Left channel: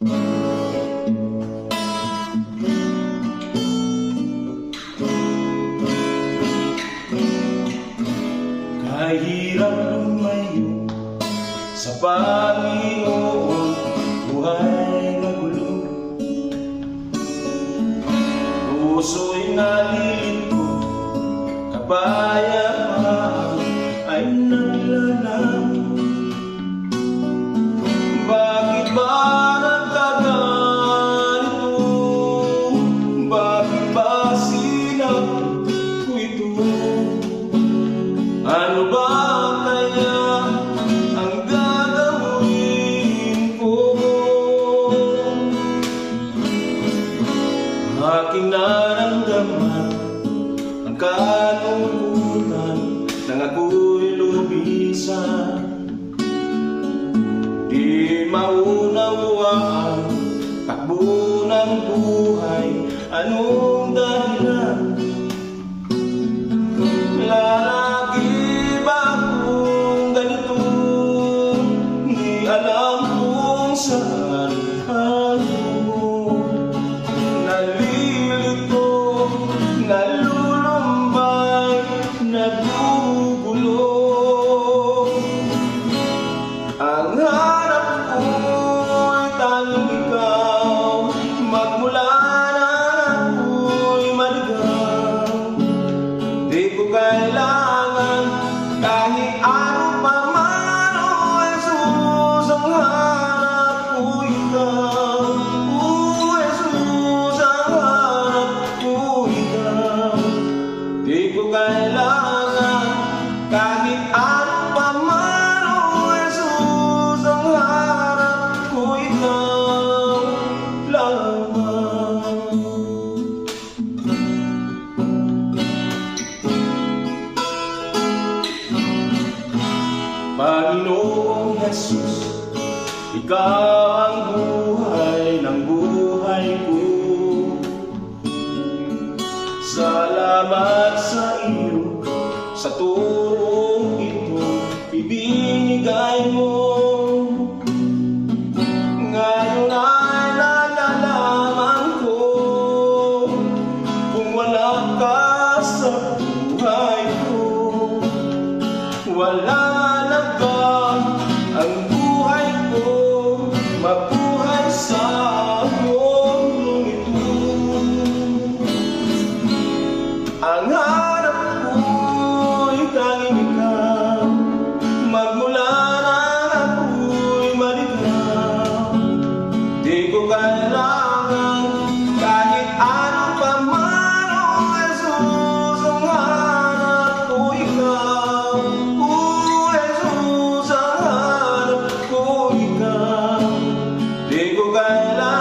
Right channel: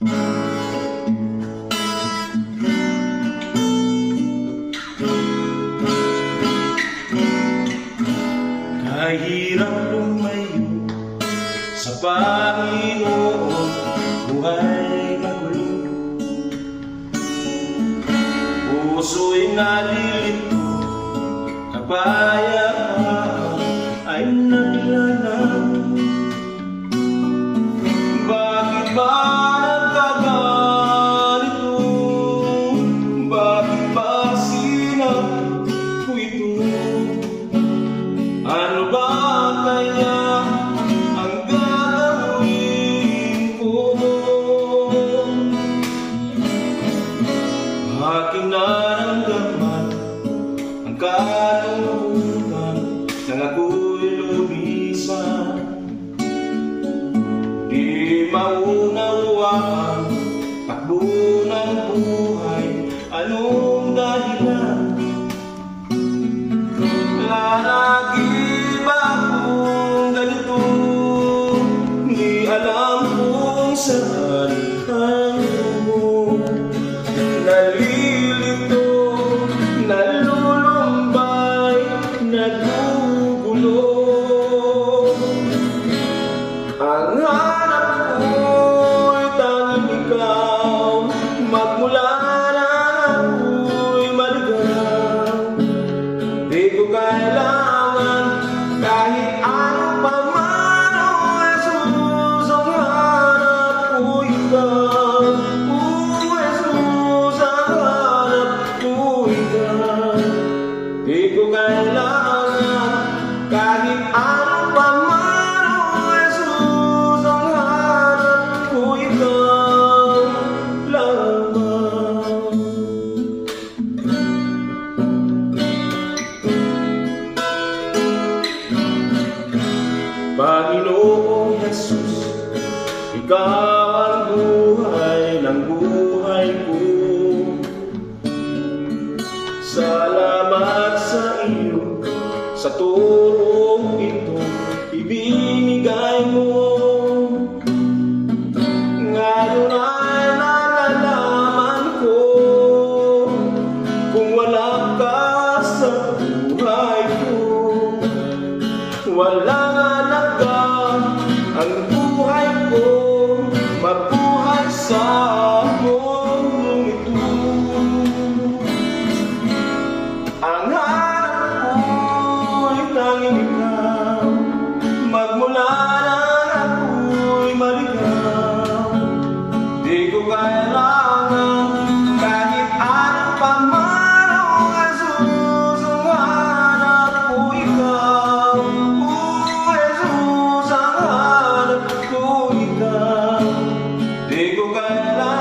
Kahirap lumayo sa Panginoon, buhay magulo, puso'y nalilito, kapayapaan ay naglalang. Bakit ba nagkaganito? Bakit ba sinap ko ito? Ano ba kaya ang gagawin ko? Aking naramdaman ang kalungkutan nang ako'y lumisan. Di maunawaan takbo ng buhay, anong dahilan? Lalagi ba kung ganito? Di alam kung saan ako. Nalilito, nalulumbay, nagugulo. Ang hanap ko'y tanging ikaw, magmula na ako'y maligaw. Di ko kailangan kahit ano pa man, o Jesus, ang hanap ko ikaw. O Jesus, ang hanap ko ikaw. Di ko kailangan kahit ano pa man, o Jesus, ang hanap ko ikaw lamang. Panginoong Jesus, ikaw ang buhay ng buhay ko. Salamat sa iyo, sa turong ito ibinigay mo. Ngayon ay nalalaman ko, kung wala ka sa buhay ko, walang halaga ang buhay ko, mabuhay sa mundong ito. Ang hanap ko'y tanging ikaw, magmula na ako'y maligaw. Di ko kailangan kahit ano pa man, o Jesus, ang hanap ko ikaw. O Jesus, ang hanap ko ikaw. Di ko kailangan